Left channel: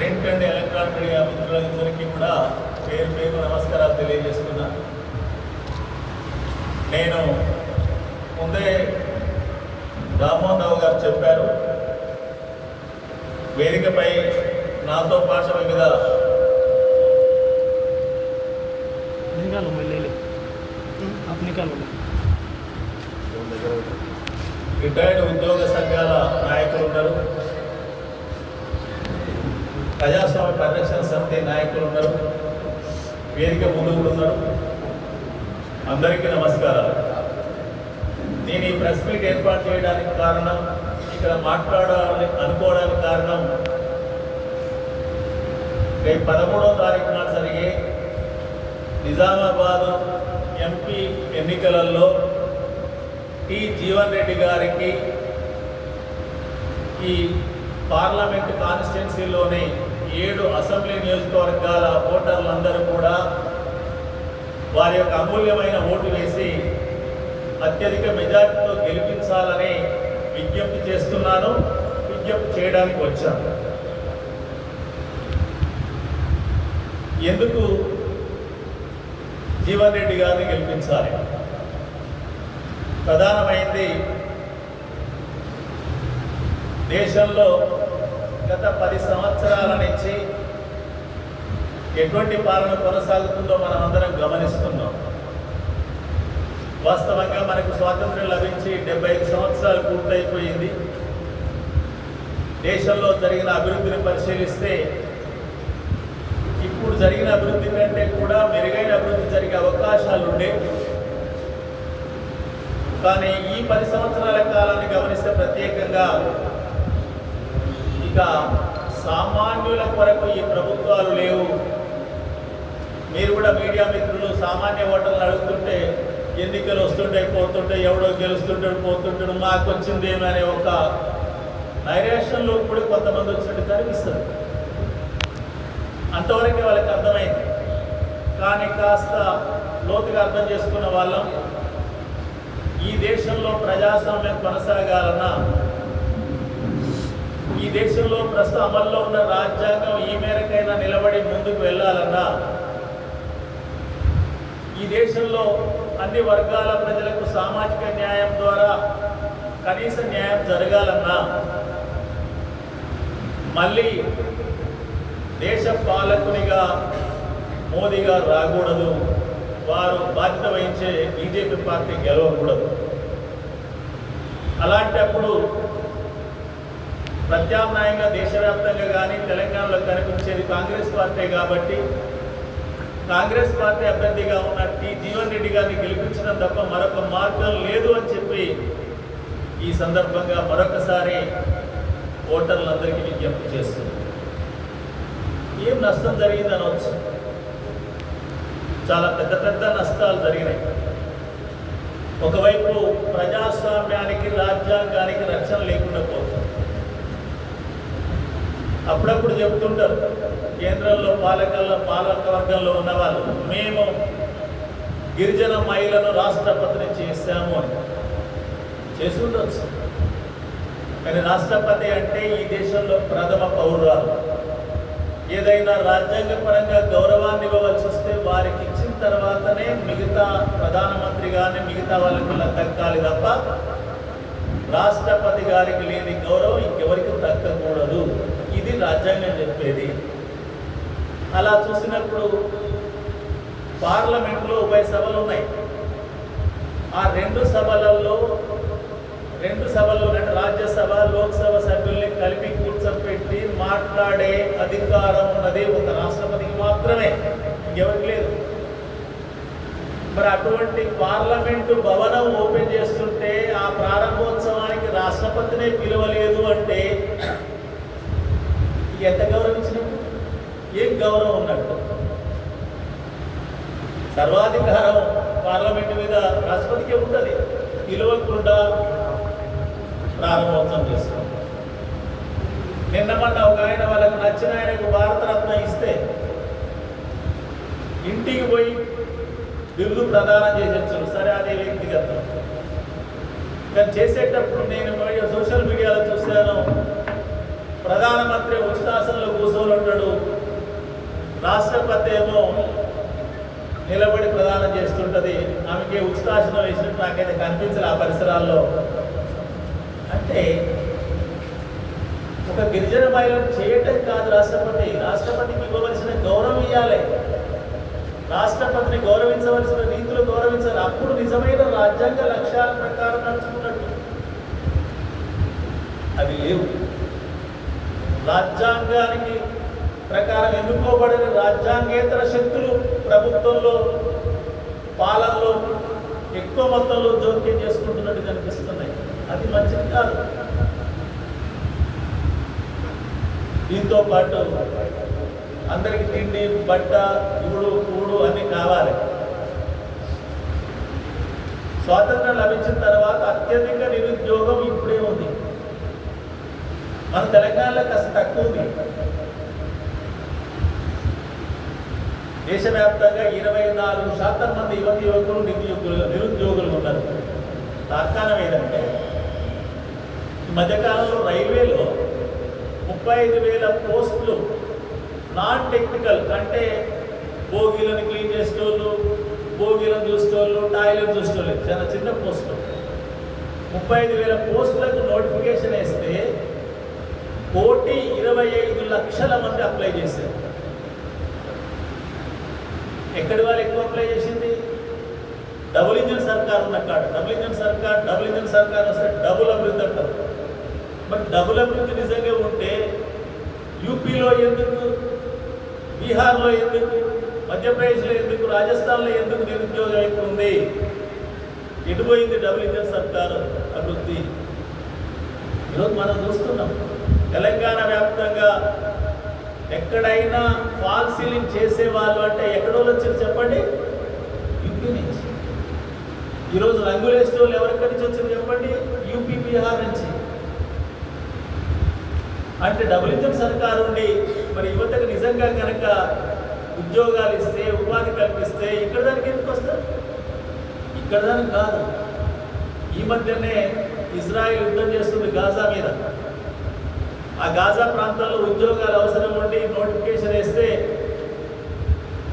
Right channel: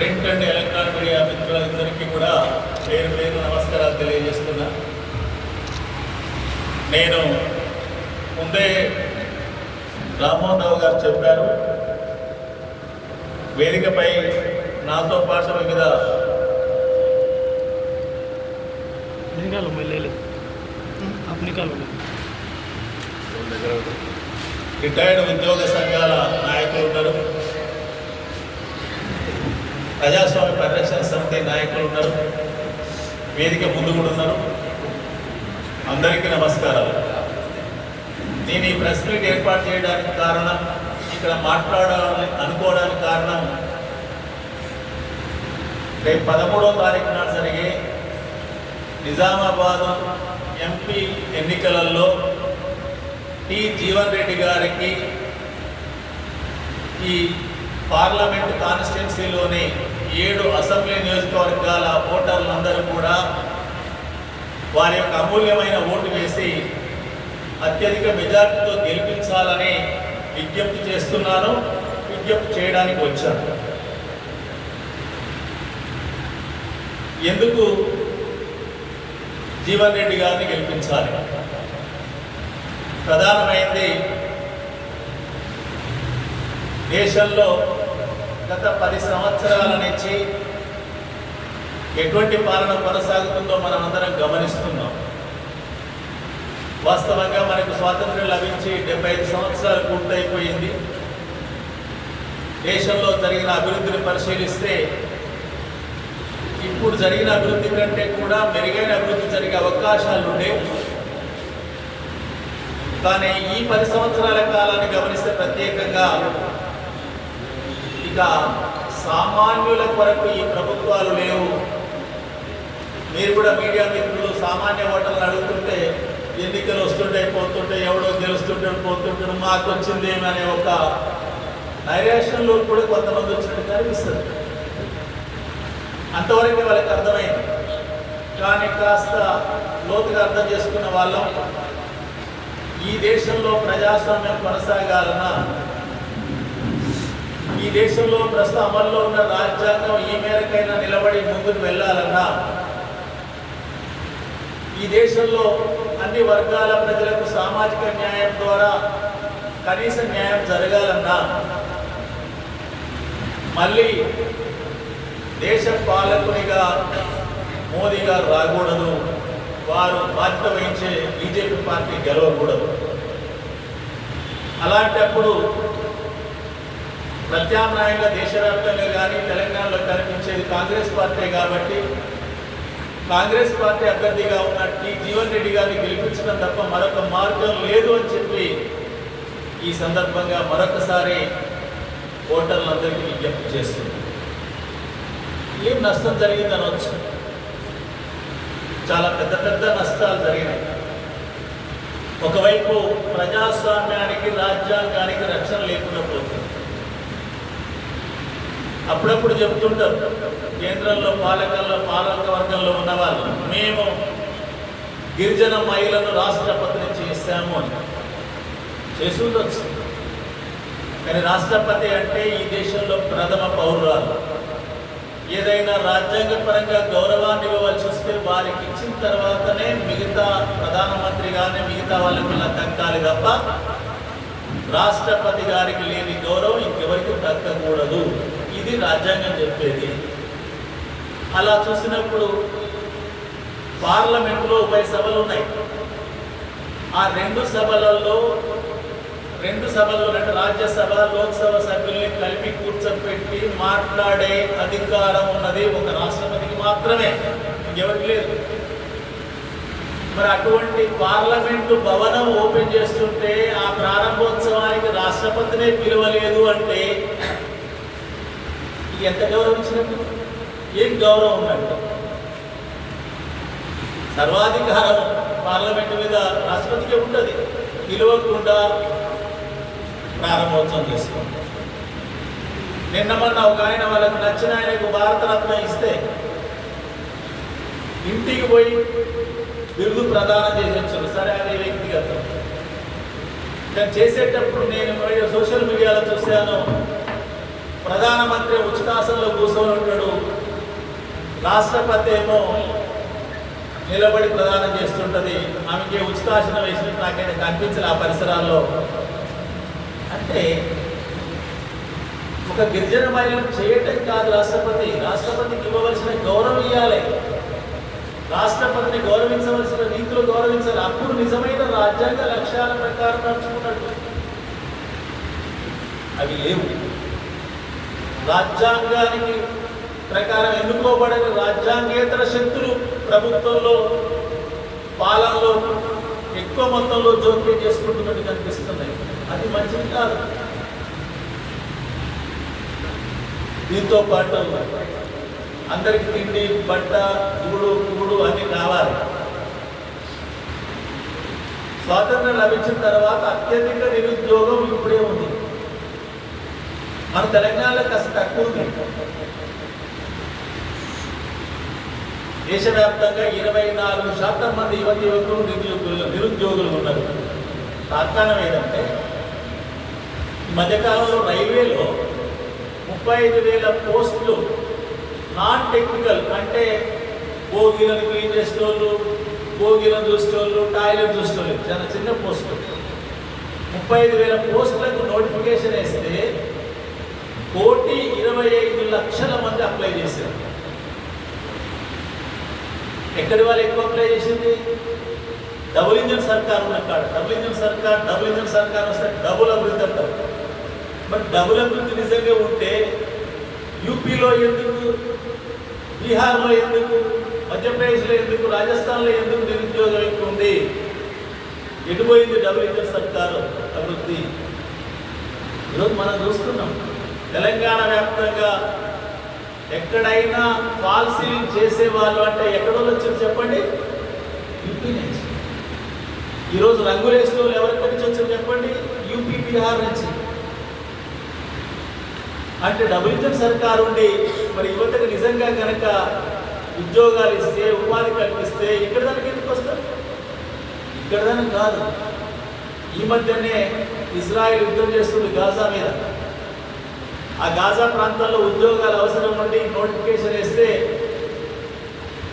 Print and electronic media మిత్రులందరికీ కూడా పేరు పేరు నమస్కారాలు తెలియజేస్తున్నా. నేను ముందే రామ్మోహన్ గారు చెప్పారు. వేదికపై నాతో పాటు మీద రిటైర్డ్ ఉద్యోగ సంఘాల ప్రజాస్వామ్య పరిరక్షణ సమితి నాయకులు ఉన్నారు. వేదిక ముందు కూడా ఉన్నారు. అందరికీ నమస్కారాలు. నేను ఈ ప్రెస్ మీట్ ఏర్పాటు చేయడానికి కారణం ఇక్కడ మాట్లాడాలని అనుకోవడానికి కారణం రేపు పదమూడవ తారీఖున జరిగే నిజామాబాద్ ఎంపీ ఎన్నికలలో టి. జీవన్ రెడ్డి గారికి ఈ పార్లమెంట్ కాన్స్టిట్యున్సీలోని ఏడు అసెంబ్లీ నియోజకవర్గాల ఓటర్లందరూ కూడా వారి యొక్క అమూల్యమైన ఓటు వేసి అత్యధిక మెజార్టీతో గెలిపించాలని విజ్ఞప్తి చేస్తున్నాను విజ్ఞప్తి చేయడానికి వచ్చాను ఎందుకు జీవన్ రెడ్డి గారిని గెలిపించాలి? ప్రధానమైంది దేశంలో గత పది సంవత్సరాల నుంచి ఎటువంటి పాలన కొనసాగుతుందో మనం అందరం గమనిస్తున్నాం. వాస్తవంగా మనకు స్వాతంత్ర్యం లభించి డెబ్బై ఐదు సంవత్సరాలు పూర్తయిపోయింది. దేశంలో జరిగిన అభివృద్ధిని పరిశీలిస్తే ఇప్పుడు జరిగిన అభివృద్ధి కంటే కూడా మెరుగైన అభివృద్ధి జరిగే అవకాశాలు ఉండేవి కానీ ఈ పది సంవత్సరాల కాలాన్ని గమనిస్తే ప్రత్యేకంగా ఇక సామాన్యుల కొరకు ఈ ప్రభుత్వాలు లేవు. మీరు కూడా మీడియా మిత్రులు సామాన్య ఓటర్లు అడుగుతుంటే ఎన్నికలు వస్తుంటాయి పోతుంటాయి ఎవడో గెలుస్తుంటాడు పోతుంటాడు మాకు వచ్చిందేమి అనే ఒక నైరేషన్లో కూడా కొంతమంది వచ్చినట్టు కనిపిస్తుంది. అంతవరకు వాళ్ళకి అర్థమైంది. కానీ కాస్త లోతుగా అర్థం చేసుకున్న వాళ్ళం ఈ దేశంలో ప్రజాస్వామ్యం కొనసాగాలన్నా దేశంలో ప్రస్తుతం అమల్లో ఉన్న రాజ్యాంగం ఈ మేరకైనా నిలబడి ముందుకు వెళ్ళాలన్నా ఈ దేశంలో అన్ని వర్గాల ప్రజలకు సామాజిక న్యాయం ద్వారా కనీస న్యాయం జరగాలన్నా మళ్ళీ దేశ పాలకునిగా మోదీ గారు రాకూడదు వారు బాధ్యత వహించే బీజేపీ పార్టీ గెలవకూడదు. అలాంటప్పుడు ప్రత్యామ్నాయంగా దేశవ్యాప్తంగా కానీ తెలంగాణలో కనిపించేది కాంగ్రెస్ పార్టీ కాబట్టి కాంగ్రెస్ పార్టీ అభ్యర్థిగా ఉన్న టీ జీవన్ రెడ్డి గారిని గెలిపించడం తప్ప మరొక మార్గం లేదు అని చెప్పి ఈ సందర్భంగా మరొకసారి ఓటర్లందరికీ విజ్ఞప్తి చేస్తుంది. ఏం నష్టం జరిగింది అనవచ్చు చాలా పెద్ద పెద్ద నష్టాలు జరిగినాయి. ఒకవైపు ప్రజాస్వామ్యానికి రాజ్యాంగానికి రక్షణ లేకుండా పోతుంది. అప్పుడప్పుడు చెప్తుంటారు. కేంద్రంలో పాలకల్లో పాలక వర్గంలో ఉన్నవాళ్ళు మేము గిరిజన మహిళను రాష్ట్రపతిని చేశాము అని. చేసి ఉండొచ్చు. కానీ రాష్ట్రపతి అంటే ఈ దేశంలో ప్రథమ పౌరురాలు. ఏదైనా రాజ్యాంగ పరంగా గౌరవాన్ని ఇవ్వవలసి వస్తే వారికి ఇచ్చిన తర్వాతనే మిగతా ప్రధానమంత్రి కానీ మిగతా వాళ్ళకి ఇలా దక్కాలి తప్ప రాష్ట్రపతి గారికి లేని గౌరవం ఇంకెవరికి దక్కకూడదు. ఇది రాజ్యాంగం చెప్పేది. అలా చూసినప్పుడు పార్లమెంట్లో ఉభయ సభలు ఉన్నాయి. ఆ రెండు సభలలో రెండు సభల్లో అంటే రాజ్యసభ లోక్సభ సభ్యుల్ని కలిపి కూర్చోబెట్టి మాట్లాడే అధికారం ఉన్నది ఒక రాష్ట్రపతికి మాత్రమే. ఇంకెవరికి లేదు. మరి అటువంటి పార్లమెంటు భవనం ఓపెన్ చేస్తుంటే ఆ ప్రారంభోత్సవానికి రాష్ట్రపతినే పిలువలేదు ఇది ఎంత గౌరవించినట్టు ఏం గౌరవం ఉన్నట్టు సర్వాధికారం పార్లమెంటు మీద రాష్ట్రపతికి ఉంటుంది. పిలవకుండా ప్రారంభోత్సవం చేస్తాం నిన్న మొన్న ఒక ఆయన వాళ్ళకు నచ్చిన ఆయనకు భారతరత్న ఇస్తే ఇంటికి పోయి బిరుదు ప్రదానం చేసి సరే అది వ్యక్తిగతం. కానీ చేసేటప్పుడు నేను సోషల్ మీడియాలో చూశాను. ప్రధానమంత్రి ఉచితాసనంలో కూర్చొని ఉంటాడు. రాష్ట్రపతి ఏమో నిలబడి ప్రదానం చేస్తుంటది. ఆమెకి ఉచితాసనం వేసిన నాకైతే కనిపించలే ఆ పరిసరాల్లో. అంటే ఒక గిరిజన మహిళను చేయటం కాదు రాష్ట్రపతి. రాష్ట్రపతికి ఇవ్వవలసిన గౌరవం ఇవ్వాలి రాష్ట్రపతిని గౌరవించవలసిన రీతిలో గౌరవించాలి. అప్పుడు నిజమైన రాజ్యాంగ లక్ష్యాల ప్రకారం నడుచుకున్నట్టు. అవి లేవు. రాజ్యాంగానికి ప్రకారం ఎన్నుకోబడిన రాజ్యాంగేతర శక్తులు ప్రభుత్వంలో పాలనలో ఎక్కువ మొత్తంలో జోక్యం చేసుకుంటున్నట్టు కనిపిస్తున్నాయి. అది మంచిది కాదు. దీంతో పాటు అందరికి తిండి బట్ట కూడు కూడు అన్ని కావాలి. స్వాతంత్రం లభించిన తర్వాత అత్యధిక నిరుద్యోగం ఇప్పుడే ఉంది. మన తెలంగాణలో కాస్త తక్కువగా దేశవ్యాప్తంగా ఇరవై నాలుగు శాతం మంది యువతి యువకులు నిరుద్యోగులు నిరుద్యోగులు ఉన్నారు. తాత్కాలం ఏంటంటే ఈ మధ్యకాలంలో రైల్వేలో ముప్పై ఐదు వేల పోస్టులు నాన్ టెక్నికల్ అంటే భోగిలను క్లీన్ చేసేటోళ్ళు భోగిలను చూసేటోళ్ళు టాయిలెట్ చూసేటోళ్ళు చాలా చిన్న పోస్టులు. ముప్పై ఐదు వేల పోస్టులకు నోటిఫికేషన్ వేస్తే కోటి ఇరవై ఐదు లక్షల మంది అప్లై చేశారు. ఎక్కడి వాళ్ళు ఎక్కువ అప్లై చేసింది? డబుల్ ఇంజన్ సర్కార్ ఉన్న కాడ. డబుల్ ఇంజన్ సర్కార్ డబుల్ ఇంజన్ సర్కార్ వస్తే డబుల్ అభివృద్ధి అంటారు. మరి డబుల్ అభివృద్ధి నిజంగా ఉంటే యూపీలో ఎందుకు? బీహార్లో ఎందుకు? మధ్యప్రదేశ్లో ఎందుకు? రాజస్థాన్లో ఎందుకు నిరుద్యోగం ఎక్కువ ఉంది? ఎటుపోయింది డబుల్ ఇంజన్ సర్కారు అభివృద్ధి? ఈరోజు మనం చూస్తున్నాం. తెలంగాణ వ్యాప్తంగా ఎక్కడైనా ఫాల్ సీలింగ్ చేసే వాళ్ళు అంటే ఎక్కడో వచ్చారు చెప్పండి? యూపీ నుంచి. ఈరోజు రంగులేసిన వాళ్ళు ఎవరెక్కడి నుంచి వచ్చారు చెప్పండి? యూపీ బీహార్ నుంచి. అంటే డబుల్ ఇంజన్ సర్కార్ ఉండి మరి యువతకు నిజంగా కనుక ఉద్యోగాలు ఇస్తే ఉపాధి కల్పిస్తే ఇక్కడ దానికి ఎందుకు వస్తారు? ఇక్కడ దానికి కాదు. ఈ మధ్యనే ఇజ్రాయెల్ యుద్ధం చేస్తుంది గాజా మీద. ఆ గాజా ప్రాంతంలో ఉద్యోగాలు అవసరం ఉండి నోటిఫికేషన్ వేస్తే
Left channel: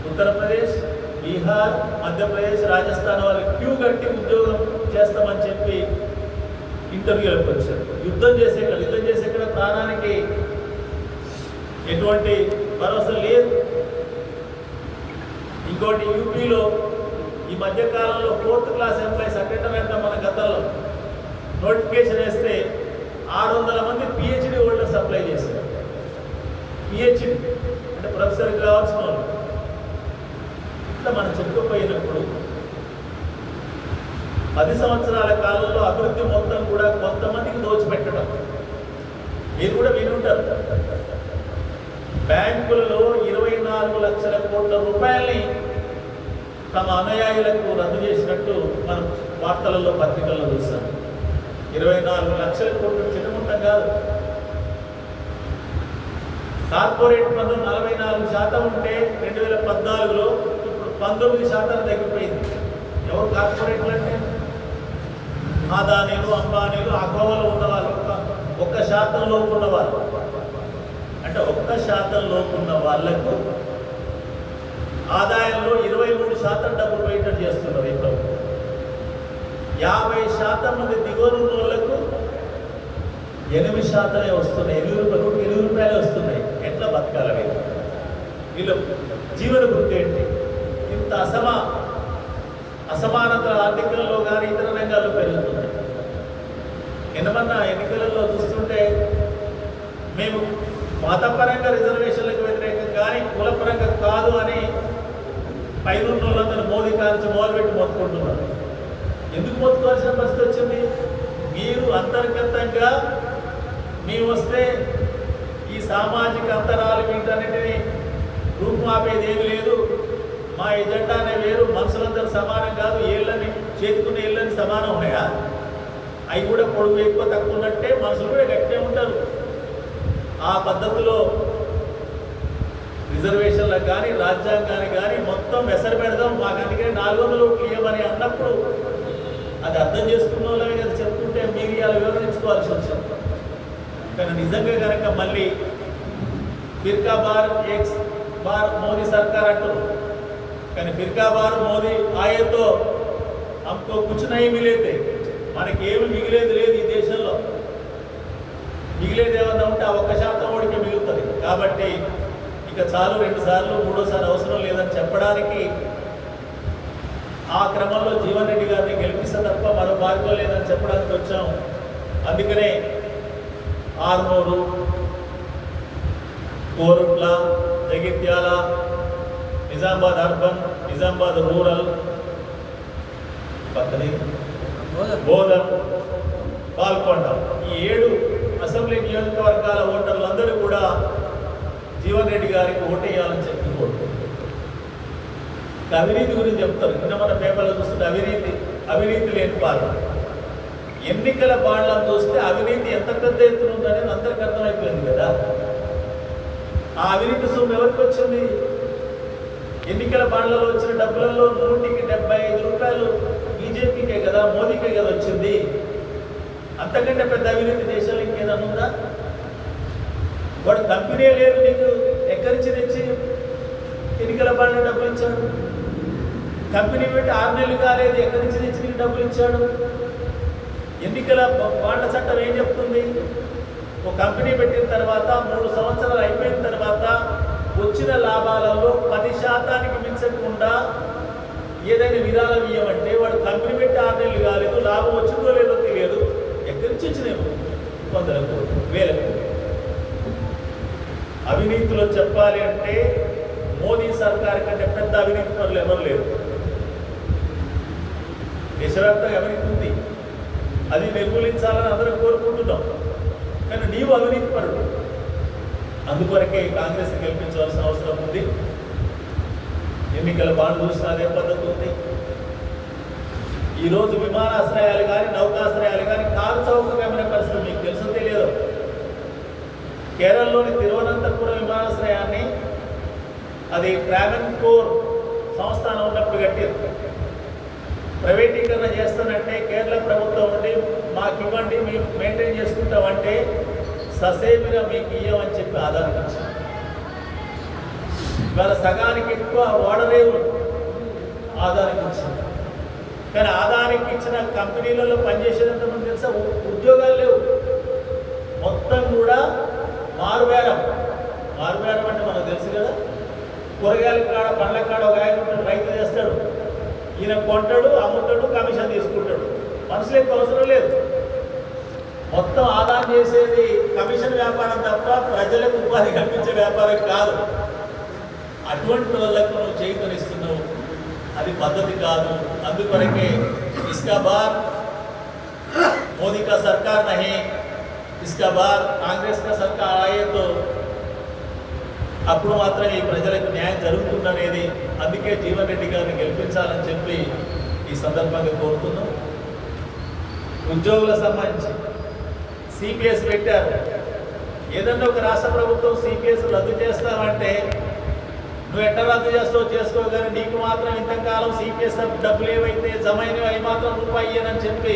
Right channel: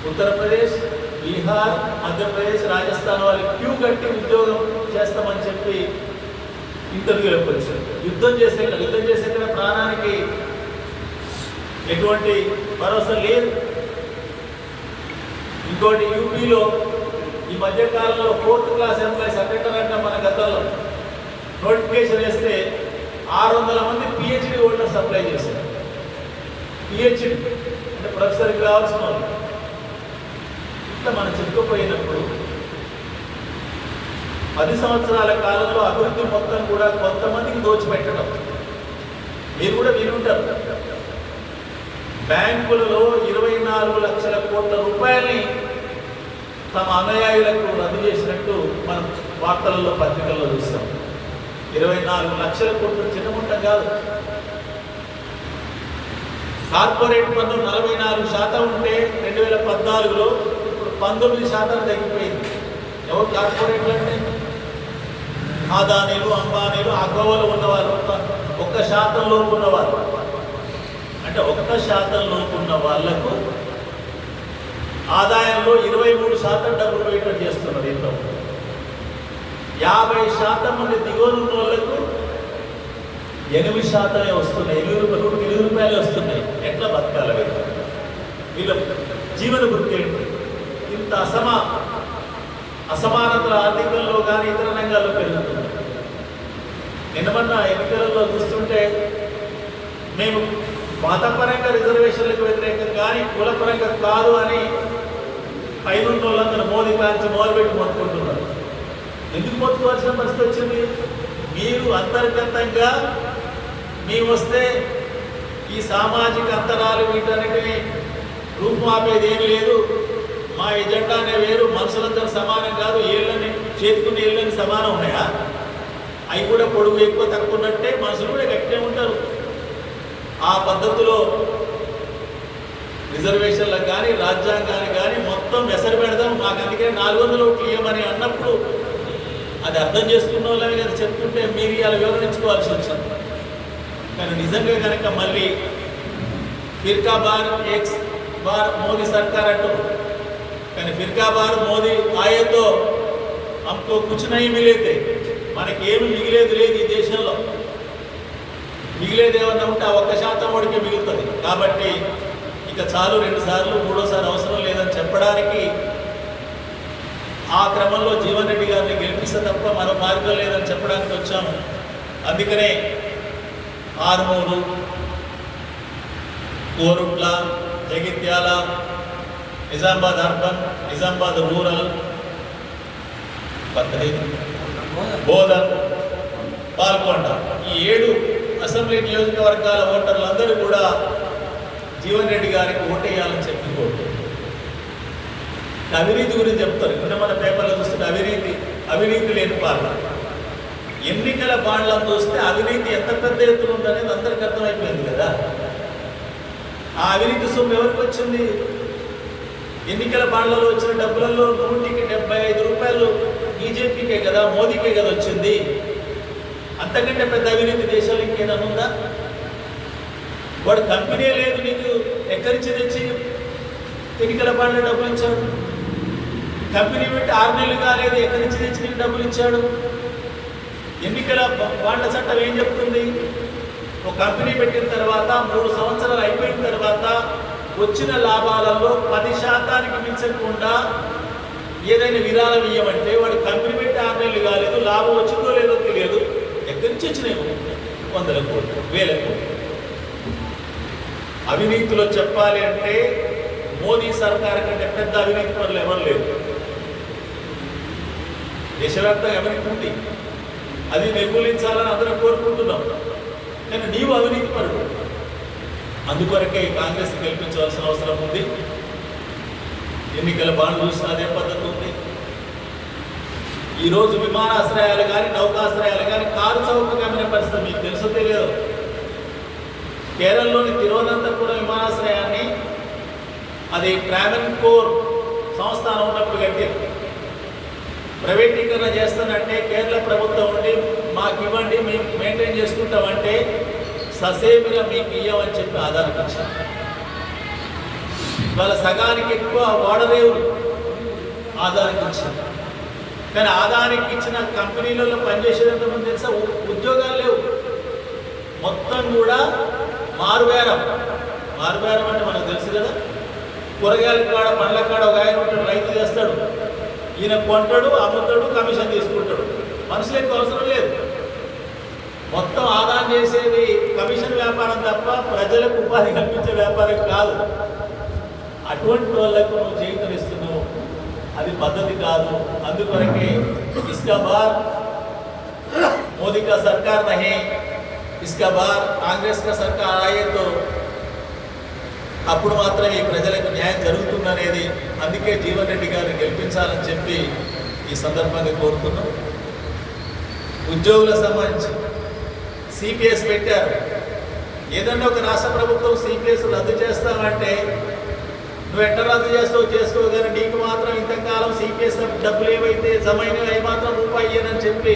ఉత్తరప్రదేశ్ బీహార్ మధ్యప్రదేశ్ రాజస్థాన్ వాళ్ళు క్యూ కట్టి ఉద్యోగం చేస్తామని చెప్పి ఇంటర్వ్యూలకు వచ్చారు యుద్ధం చేసే యుద్ధం చేసే కూడా ప్రాణానికి ఎటువంటి భరోసా లేదు. ఇంకోటి యూపీలో ఈ మధ్య కాలంలో ఫోర్త్ క్లాస్ ఎంప్లాయీస్ అక్కడ అంటే మన గతంలో. నోటిఫికేషన్ వేస్తే ఆరు వందల మంది పిహెచ్డి హోల్డర్స్ అప్లై చేశారు. పిహెచ్డి అంటే ప్రొఫెసర్ కావాల్సిన వాళ్ళు ఇట్లా మనం చెప్పుకోపోయినప్పుడు పది సంవత్సరాల కాలంలో అభివృద్ధి మొత్తం కూడా కొంతమందికి దోచిపెట్టడం. మీరు కూడా వినుంటారు బ్యాంకులలో ఇరవై నాలుగు లక్షల కోట్ల రూపాయలని తమ అనుయాయులకు రద్దు చేసినట్టు మనం వార్తలలో పత్రికల్లో చూస్తాం. ఇరవై నాలుగు లక్షల కోట్లు చిన్నముంటం కాదు. కార్పొరేట్ పన్ను నలభై నాలుగు శాతం ఉంటే రెండు వేల పద్నాలుగులో పంతొమ్మిది శాతం తగ్గిపోయింది. ఎవరు కార్పొరేట్లు అంటే? ఆదానీలు అంబానీలు ఆ ఉన్నవాళ్ళు. ఒక- ఒక్క శాతం లోపు ఉన్నవాళ్ళు. అంటే ఒక్క శాతం లోపు ఉన్న వాళ్ళకు ఆదాయంలో ఇరవై మూడు శాతం డబ్బు పోయేటట్టు చేస్తున్నారు ఇంట్లో యాభై శాతం మంది దిగువన ఉన్న వాళ్ళకు ఎనిమిది శాతమే వస్తున్నాయి ఎనిమిది రూపాయలు ఎనిమిది రూపాయలే వస్తున్నాయి. ఎట్లా బతకాలి వీళ్ళు? వీళ్ళ జీవన వృత్తి ఏంటి? ఇంత అసమా అసమానత ఆర్థికంలో కానీ ఇతర రంగాల్లో పెరుగుతుంది నిన్నమన్న ఎన్నికలలో చూస్తుంటే మేము మతపరంగా రిజర్వేషన్లకు వ్యతిరేకం కానీ కులపరంగా కాదు అని పైన వాళ్ళందరూ మోదీ కాల్చి మొదలుపెట్టి మొత్తుకుంటున్నారు. ఎందుకు మొత్తుకోవాల్సిన పరిస్థితి వచ్చింది? మీరు అంతర్గతంగా మేము వస్తే ఈ సామాజిక అంతరాలు వీటన్నిటిని రూపుమాపేది ఏం లేదు. మా ఎజెండానే వేరు మనుషులందరూ సమానం కాదు ఏళ్ళని చేతుకున్న ఏళ్ళని సమానం ఉన్నాయా? అవి కూడా పొడుగు ఎక్కువ తక్కువ ఉన్నట్టే మనుషులు కూడా గట్టిగా ఉంటారు. ఆ పద్ధతిలో రిజర్వేషన్లకు కానీ రాజ్యాంగానికి కానీ మొత్తం ఎసరు పెడదాం. మాకు అందుకే నాలుగు వందల ఓట్లు ఇవ్వమని అన్నప్పుడు అది అర్థం చేసుకున్న వాళ్ళని కదా చెప్తుంటే మీరు ఇలా వివరించుకోవాల్సి వచ్చింది. కానీ నిజంగా కనుక మళ్ళీ firka bar X bar Modi సర్కార్ అంటూ కానీ ఫిర్కా బార్ మోదీ ఆయతో हमको कुछ नहीं मिले थे మనకి ఏమి మిగిలేదు లేదు ఈ దేశంలో మిగిలేదు ఏమన్నా ఉంటే ఆ ఒక్క శాతం ఓడికి మిగులుతుంది కాబట్టి ఇక చాలు రెండు సార్లు మూడోసారి అవసరం లేదని చెప్పడానికి ఆ క్రమంలో జీవన్ రెడ్డి గారిని గెలిపిస్తే తప్ప మరో మార్గం లేదని చెప్పడానికి వచ్చాము అందుకనే ఆర్మూరు కోరుట్ల జగిత్యాల నిజామాబాద్ అర్బన్ నిజామాబాద్ రూరల్ బోధన్. పాల్కొండ. ఈ ఏడు అసెంబ్లీ నియోజకవర్గాల ఓటర్లందరూ కూడా జీవన్ రెడ్డి గారికి ఓటేయాలని చెప్పి అవినీతి గురించి చెప్తారు. నిన్న మన పేపర్లో చూస్తుంటే అవినీతి అవినీతి లేని పాలన ఎన్నికల బాండ్లను చూస్తే అవినీతి ఎంత పెద్ద ఎత్తున ఉందనేది అందరికి అర్థమైపోయింది కదా. ఆ అవినీతి సొమ్ము ఎవరికి వచ్చింది? ఎన్నికల బాండ్లలో వచ్చిన డబ్బులలో నూటికి డెబ్బై ఐదు రూపాయలు బీజేపీకే కదా మోదీకే కదా వచ్చింది. అంతకంటే పెద్ద అవినీతి దేశంలో ఇంకేనా ఉందా? వాడి కంపెనీ లేదు నీకు ఎక్కడి తెచ్చి ఎన్నికల బాండ్ల డబ్బులు ఇచ్చాడు? కంపెనీ పెట్టి ఆరు నెలలు కాలేదు ఎక్కడి నుంచి తెచ్చి నీకు డబ్బులు ఇచ్చాడు? ఎన్నికల బాండ్ల చట్టం ఏం చెప్తుంది? ఒక కంపెనీ పెట్టిన తర్వాత మూడు సంవత్సరాలు అయిపోయిన తర్వాత వచ్చిన లాభాలలో పది శాతానికి మించకుండా ఏదైనా విరాళం ఇవ్వమంటే వాడు కంపెనీ పెట్టి ఆర్డర్లు కాలేదు లాభం వచ్చిందో లేదో తెలియదు. ఎక్కడి నుంచి వచ్చినాయి? వందల కోట్లు వేల కోట్లు. అవినీతిలో చెప్పాలి అంటే మోదీ సర్కార్ కంటే పెద్ద అవినీతి పనులు ఎవరు లేరు. దేశవ్యాప్తంగా అవినీతి ఉంది. అది నిర్మూలించాలని అందరం కోరుకుంటున్నాం. కానీ నీవు అవినీతి పడు అందుకొరకే ఈ కాంగ్రెస్ గెలిపించవలసిన అవసరం ఉంది. ఎన్నికల బాండ్ చూసిన అదే పద్ధతి ఉంది. ఈరోజు విమానాశ్రయాలు కానీ నౌకాశ్రయాలు కానీ కారు చౌకగా పరిస్థితి మీకు తెలుసో తెలియదు? కేరళలోని తిరువనంతపురం విమానాశ్రయాన్ని అది ట్రావెల్ కోర్ సంస్థానం ఉన్నప్పుడు కట్టారు. ప్రైవేటీకరణ చేస్తానంటే కేరళ ప్రభుత్వం ఉండి మాకు ఇవ్వండి మేము మెయింటైన్ చేసుకుంటామంటే ససేమిగా మీకు అని చెప్పి ఆధార ఇచ్చారు. వాళ్ళ సగానికి ఎక్కువ ఓడరేవులు ఆధారం ఇచ్చారు. కానీ ఆదానికి ఇచ్చిన కంపెనీలలో పనిచేసేంత ముందు తెలుసా ఉద్యోగాలు లేవు. మొత్తం కూడా మారుబేరం. మారుబేరం అంటే మనకు తెలుసు కదా కూరగాయల కాడ పండ్ల కాడ ఒక ఆయన ఉంటాడు రైతు చేస్తాడు. ఈయన కొంటాడు అమ్ముతాడు కమిషన్ తీసుకుంటాడు. మనుషులకు అవసరం లేదు. మొత్తం ఆదా చేసేది కమిషన్ వ్యాపారం తప్ప ప్రజలకు ఉపాధి కల్పించే వ్యాపారం కాదు. అటువంటి వాళ్ళకు నువ్వు చేకరిస్తున్నావు అది పద్ధతి కాదు. అందుకొరకే ఇస్కాబార్ మోదీ కా సర్కార్ నహే. ఇస్కాబార్ కాంగ్రెస్ కా సర్కార్ ఆయేతో అప్పుడు మాత్రం ఈ ప్రజలకు న్యాయం జరుగుతుందనేది అందుకే జీవన్ రెడ్డి గారిని గెలిపించాలని చెప్పి ఈ సందర్భంగా కోరుతున్నాం ఉద్యోగులకు సంబంధించి సిపిఎస్ పెట్టారు. ఏదన్నా ఒక రాష్ట్ర ప్రభుత్వం సిపిఎస్ రద్దు చేస్తామంటే నువ్వు ఎట్లా రద్దు చేస్తావు చేసుకో కానీ నీకు మాత్రం ఇంతకాలం సిపిఎస్ డబ్బులు ఏవైతే జమ అయినవి అవి మాత్రం రూపాయి ఇయ్యనని చెప్పి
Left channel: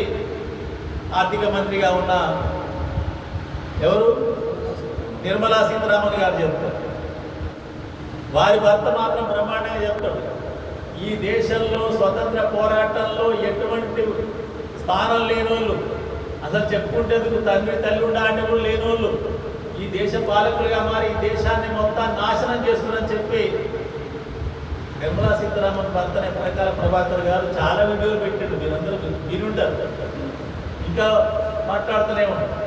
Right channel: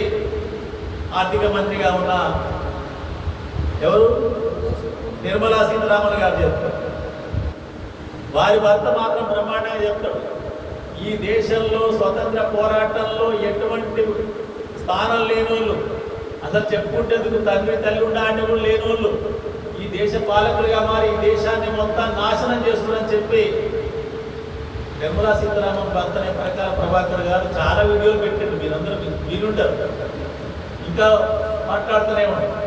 ఆర్థిక మంత్రిగా ఉన్న ఎవరు? నిర్మలా సీతారామన్ గారు చెప్తారు వారి భర్త మాత్రం బ్రహ్మాండంగా చెప్తాడు. ఈ దేశంలో స్వతంత్ర పోరాటంలో ఎటువంటి స్థానం లేనోళ్ళు అసలు చెప్పుకుంటేందుకు తండ్రి తల్లి ఉండాలని కూడా లేనోళ్ళు ఈ దేశ పాలకులుగా మారి ఈ దేశాన్ని మొత్తం నాశనం చేస్తున్నారని చెప్పి నిర్మలా సీతారామన్ భర్త అనే ప్రకార ప్రభాకర్ గారు చాలా వీడియోలు పెట్టాడు. మీరందరూ మీరుంటారు. ఇంకా మాట్లాడుతూనే ఉంటారు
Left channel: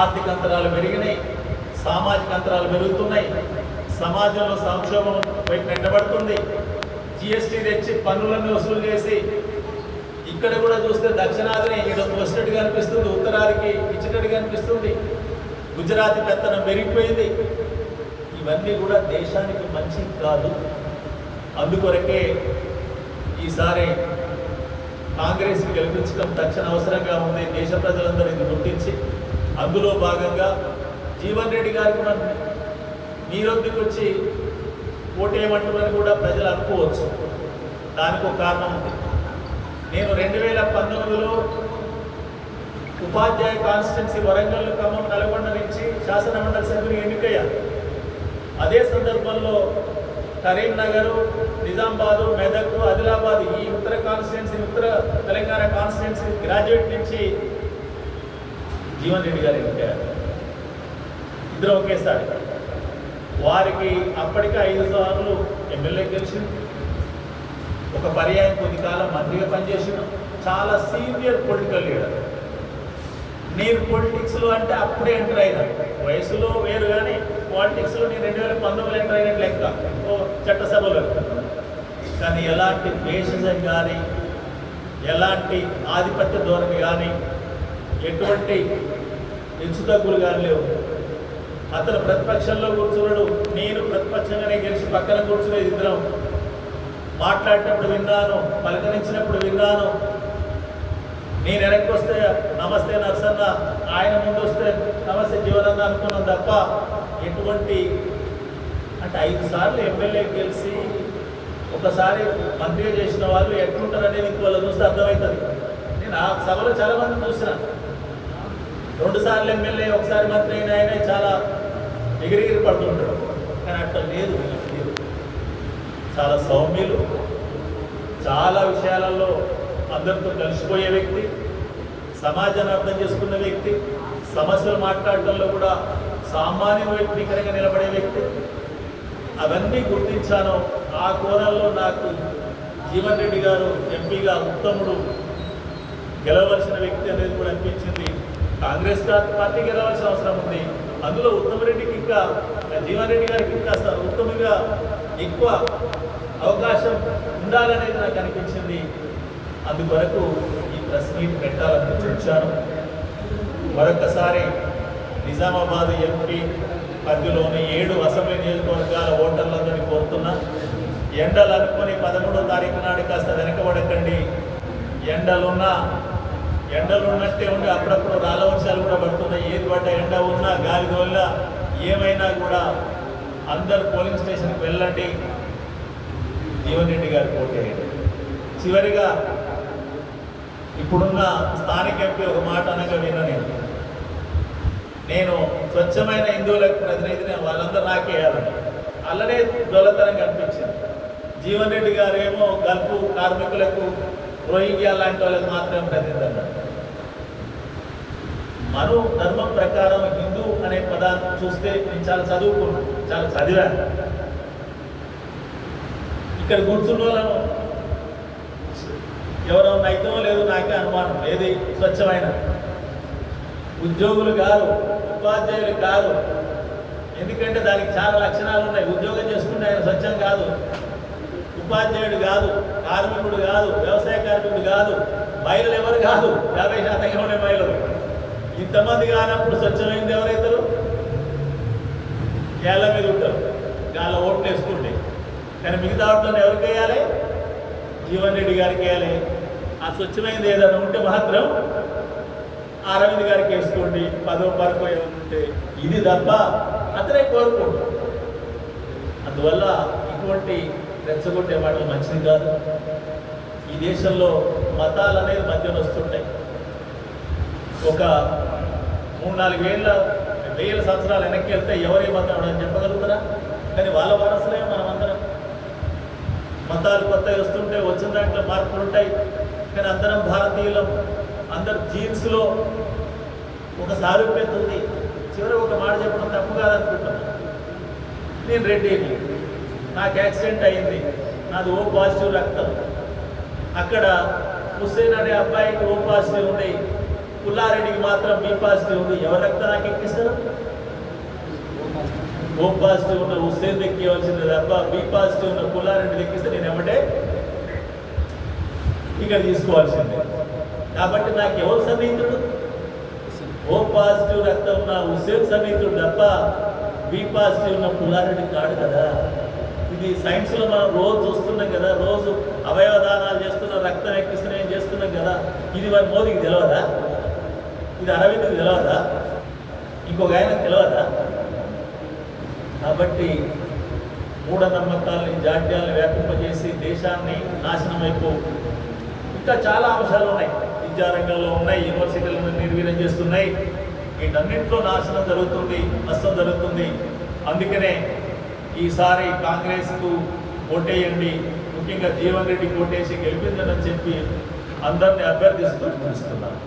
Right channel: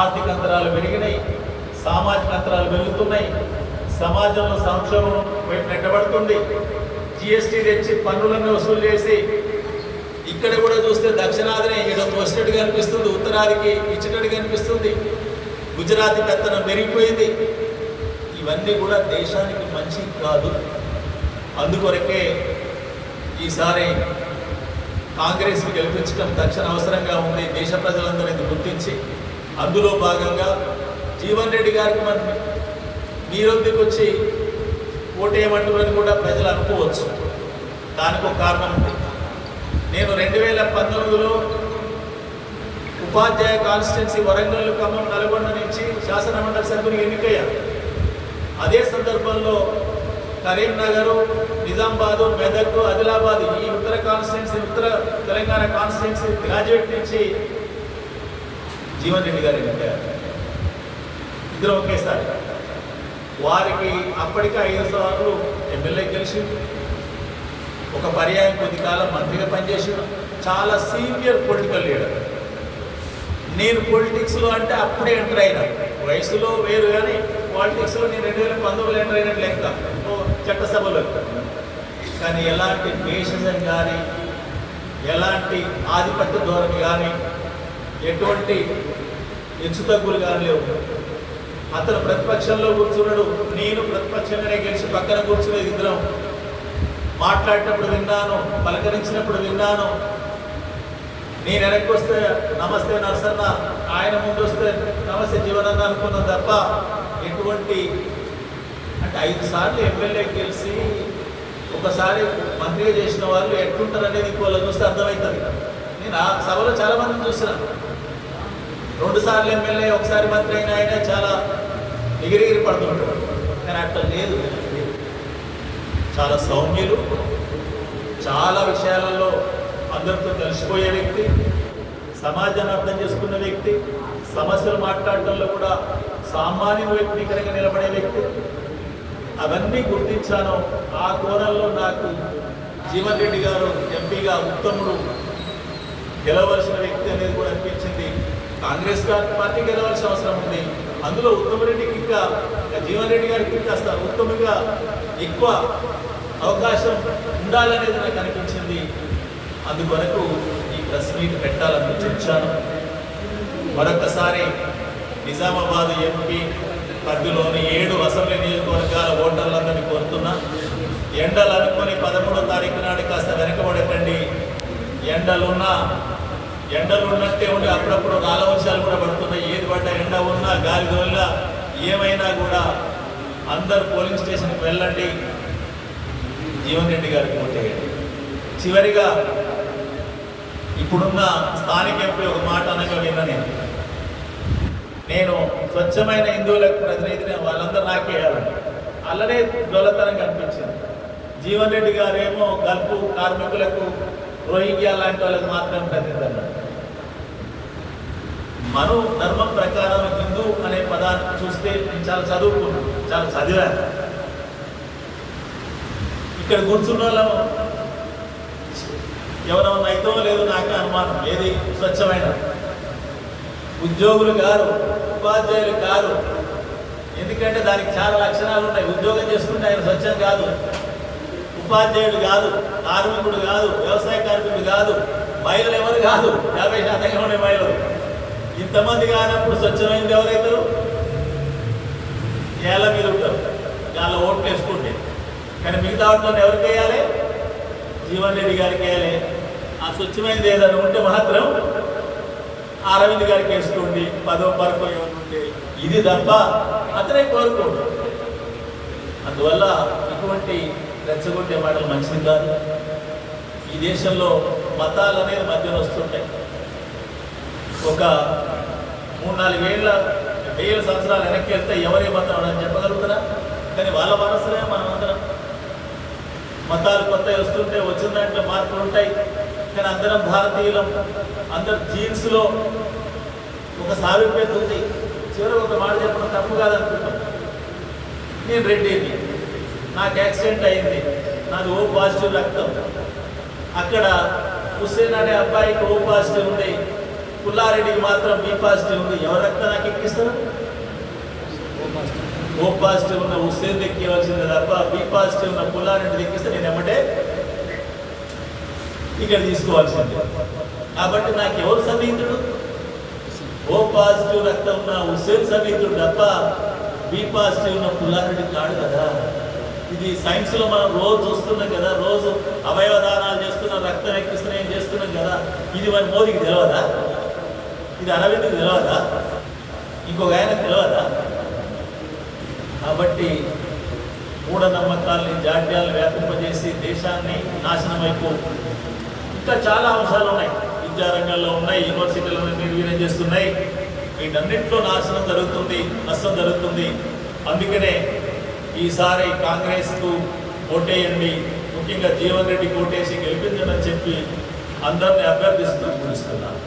ఆర్థిక అంతరాలు పెరిగినాయి సామాజిక అంతరాలు పెరుగుతున్నాయి. సమాజంలో సంక్షోభం వైపు నెట్టబడుతుంది. జిఎస్టీ తెచ్చి పన్నులను వసూలు చేసి ఇక్కడ కూడా చూస్తే దక్షిణాదిని ఇక్కడ తోసినట్టుగా అనిపిస్తుంది ఉత్తరాదికి ఇచ్చినట్టుగా అనిపిస్తుంది గుజరాతీ పెత్తనం పెరిగిపోయింది. ఇవన్నీ కూడా దేశానికి మంచి కాదు. అందుకొరకే ఈసారి కాంగ్రెస్ని గెలిపించడం తక్షణ అవసరంగా ఉంది. దేశ ప్రజలందరూ ఇది గుర్తించి అందులో భాగంగా జీవన్ రెడ్డి గారికి మనం మీరొద్దుకు వచ్చి ఓటేయమంటుమని కూడా ప్రజలు అనుకోవచ్చు. దానికి ఒక కారణం ఉంది. నేను రెండు వేల పంతొమ్మిదిలో ఉపాధ్యాయ కాన్స్టిట్యున్సీ వరంగల్ ఖమ్మం నల్గొండ నుంచి శాసనమండలి సభ్యులు ఎన్నికయ్యాను అదే సందర్భంలో కరీంనగర్ నిజామాబాదు మెదక్ ఆదిలాబాద్ ఈ ఉత్తర కాన్స్టిట్యున్సీ ఉత్తర తెలంగాణ కాన్స్టిట్యున్సీ గ్రాడ్యుయేట్ నుంచి జీవన్ రెడ్డి గారు ఎన్నికయ్యారు. ఇద్దరు ఒకేసారి. వారికి అప్పటికే ఐదు సార్లు ఎమ్మెల్యే గెలిచి ఒక పర్యాయం కొద్ది కాలం మంత్రిగా పనిచేసిన చాలా సీనియర్ పొలిటికల్ లీడర్. నేను పొలిటిక్స్లో అంటే అప్పుడే ఎంటర్ అయినా. వయసులో వేరు కానీ పాలిటిక్స్లో నేను రెండు వేల పంతొమ్మిది ఎంటర్ అయినట్టు లెక్క ఓ చట్టసభలో. కానీ ఎలాంటి దేశజం కానీ ఎలాంటి ఆధిపత్య ధోరణి కానీ ఎటువంటి హెచ్చుతగ్గులు కానీ లేవు. అతను ప్రతిపక్షంలో కూర్చున్నాడు. నేను ప్రతిపక్షంగానే గెలిచి పక్కన కూర్చునేది ఇద్దరం. మాట్లాడేటప్పుడు విన్నాను పలకరించినప్పుడు విన్నాను. నేను వెనక్కి వస్తే నమస్తే నరసన్న ఆయన ముందు వస్తే నమస్తే జీవనన్న అనుకున్నాను తప్ప ఎటువంటి అంటే ఐదు సార్లు ఎమ్మెల్యే గెలిచి ఒకసారి మంత్రిగా చేసిన వాళ్ళు ఎట్లుంటారు నీకు వాళ్ళు చూస్తే అర్థమవుతుంది. నేను ఆ సభలో చాలా మందిని చూసిన. రెండు సార్లు ఎమ్మెల్యే ఒకసారి మంత్రి అయిన ఆయన చాలా ఎగిరిగిరి పడుతుంటాడు కానీ అట్లా లేదు. చాలా సౌమ్యులు చాలా విషయాలలో అందరితో కలిసిపోయే వ్యక్తి సమాజాన్ని అర్థం చేసుకున్న వ్యక్తి సమస్యలు మాట్లాడటంలో కూడా సామాన్య వ్యక్తికరంగా నిలబడే వ్యక్తి. అవన్నీ గుర్తించాను. ఆ కోణంలో నాకు జీవన్ రెడ్డి గారు ఎంపీగా ఉత్తముడు గెలవలసిన వ్యక్తి అనేది కూడా అనిపించింది. కాంగ్రెస్ పార్టీ గెలవలసిన అవసరం ఉంది. అందులో ఉత్తమరెడ్డికి ఇంకా జీవన్ రెడ్డి గారికి కాస్త ఉత్తమంగా ఎక్కువ అవకాశం ఉండాలనేది నాకు అనిపించింది. అందువరకు ఈ ప్రెస్ మీట్ పెట్టాలని చూచాను. మరొకసారి నిజామాబాద్ ఎంపీ పరిధిలోని ఏడు అసెంబ్లీ నియోజకవర్గాల ఓటర్లందరినీ కోరుతున్నా. ఎండలు అనుకుని పదమూడో తారీఖు నాడు కాస్త వెనకబడకండి. ఎండలున్నా ఎండలు ఉన్నట్టే ఉండి అప్పుడప్పుడు రాళ్ళ వర్షాలు కూడా పడుతున్నాయి. ఏది పడ్డ ఎండ ఉన్నా గాలి గోల్లా ఏమైనా కూడా అందరు పోలింగ్ స్టేషన్కి వెళ్ళండి. జీవన్ రెడ్డి గారికి ఓటేయండి చివరిగా ఇప్పుడున్న స్థానిక ఎంపీ ఒక మాట అనగా విన్నా నేను. నేను స్వచ్ఛమైన హిందువులకు ప్రతినిధిని వాళ్ళందరూ నాకేయాలని అలానే గొల్లతనం అనిపించింది జీవన్ రెడ్డి గారు ఏమో గల్ఫ్ కార్మికులకు రోహింగ్యా లాంటి వాళ్ళకి మాత్రమే ప్రతినిధి అన్నారు. మరో ధర్మం ప్రకారం హిందూ అనే పదాన్ని చూస్తే నేను చాలా చదువుకున్నాను చాలా చదివాను. ఇక్కడ కూర్చున్న వాళ్ళము ఎవరన్నా అయితే లేదు నాకే అనుమానం ఏది స్వచ్ఛమైన ఉద్యోగులు కాదు ఉపాధ్యాయులు కాదు ఎందుకంటే దానికి చాలా లక్షణాలు ఉన్నాయి. ఉద్యోగం చేసుకుంటే ఆయన స్వచ్ఛం కాదు. ఉపాధ్యాయుడు కాదు కార్మికుడు కాదు వ్యవసాయ కార్మికుడు కాదు మహిళలు ఎవరు కాదు? యాభై శాతంగా ఉండే మహిళలు. ఇంతమంది కానప్పుడు స్వచ్ఛమైంది ఎవరైతారు ఏళ్ళ మీద ఉంటారు. గాల ఓట్లు వేసుకుంటే కానీ మిగతా ఓట్లను ఎవరికి వేయాలి? జీవన్ రెడ్డి గారికి వేయాలి. ఆ స్వచ్ఛమైనది ఏదైనా ఉంటే మాత్రం అరవింద్ గారికి వేసుకోండి పదో పరకో ఏమనుంటే ఇది తప్ప అతనే కోరుకోండి. అందువల్ల ఇటువంటి రెచ్చగొట్టే మాటలు మంచిది కాదు. ఈ దేశంలో మతాలు అనేది మధ్యన వస్తుంటాయి. ఒక మూడు నాలుగు వేల వేల సంవత్సరాలు వెనక్కి వెళ్తే ఎవరి మతం అని చెప్పగలుగుతారా? కానీ వాళ్ళ వారసులే మనం అందరం మతాలు కొత్తవి వస్తుంటే వచ్చిన దాంట్లో మార్పులు ఉంటాయి. కానీ అందరం భారతీయులం. అందరు జీన్స్లో ఒక సారూప్యత ఉంది. చివరి ఒక మాట చెప్పడం తప్పు కాదనుకుంటాం. నేను రెడ్డిని నాకు యాక్సిడెంట్ అయింది. నాది ఓ పాజిటివ్ రక్తం. అక్కడ హుస్సేన్ అనే అబ్బాయికి ఓ పాజిటివ్ ఉంది. పుల్లారెడ్డికి మాత్రం బి పాజిటివ్ ఉంది. ఎవరు రక్తం నాకు ఎక్కిస్తారు? ఓ పాజిటివ్ ఉన్న హుస్సేన్ ఎక్కివలసింది తప్ప బి పాజిటివ్ ఉన్న పుల్లారెడ్డి ఎక్కిస్తే నేను ఏమంటే ఇక్కడ తీసుకోవాల్సిందే. కాబట్టి నాకు ఎవరు సన్నిహితుడు? ఓ పాజిటివ్ రక్తం ఉన్న హుస్సేన్ సన్నిహితుడు తప్ప బి పాజిటివ్ ఉన్న పుల్లారెడ్డి కాడు కదా. ఇది సైన్స్లో మనం రోజు చూస్తున్నాం కదా రోజు అవయవ దానాలు చేస్తున్నాం రక్తం ఎక్కిస్తున్నాం ఏం చేస్తున్నాం కదా. ఇది మరి మోదీకి తెలియదా ఇది అరవింద్కి తెలియదా ఇంకొక ఆయన తెలియదా కాబట్టి మూఢనమ్మకాల్ని జాడ్యాలను వ్యాపింపజేసి దేశాన్ని నాశనం అయిపో. ఇంకా చాలా అంశాలు ఉన్నాయి. విద్యారంగంలో ఉన్నాయి యూనివర్సిటీలను నిర్వీర్యం చేస్తున్నాయి. వీటన్నింటిలో నాశనం జరుగుతుంది నష్టం జరుగుతుంది. అందుకనే ఈసారి కాంగ్రెస్కు ఓటేయండి. ముఖ్యంగా జీవన్ రెడ్డి ఓటేసి గెలిపించండి చెప్పి అందరిని అభ్యర్థిస్తూ పిలుస్తున్నాను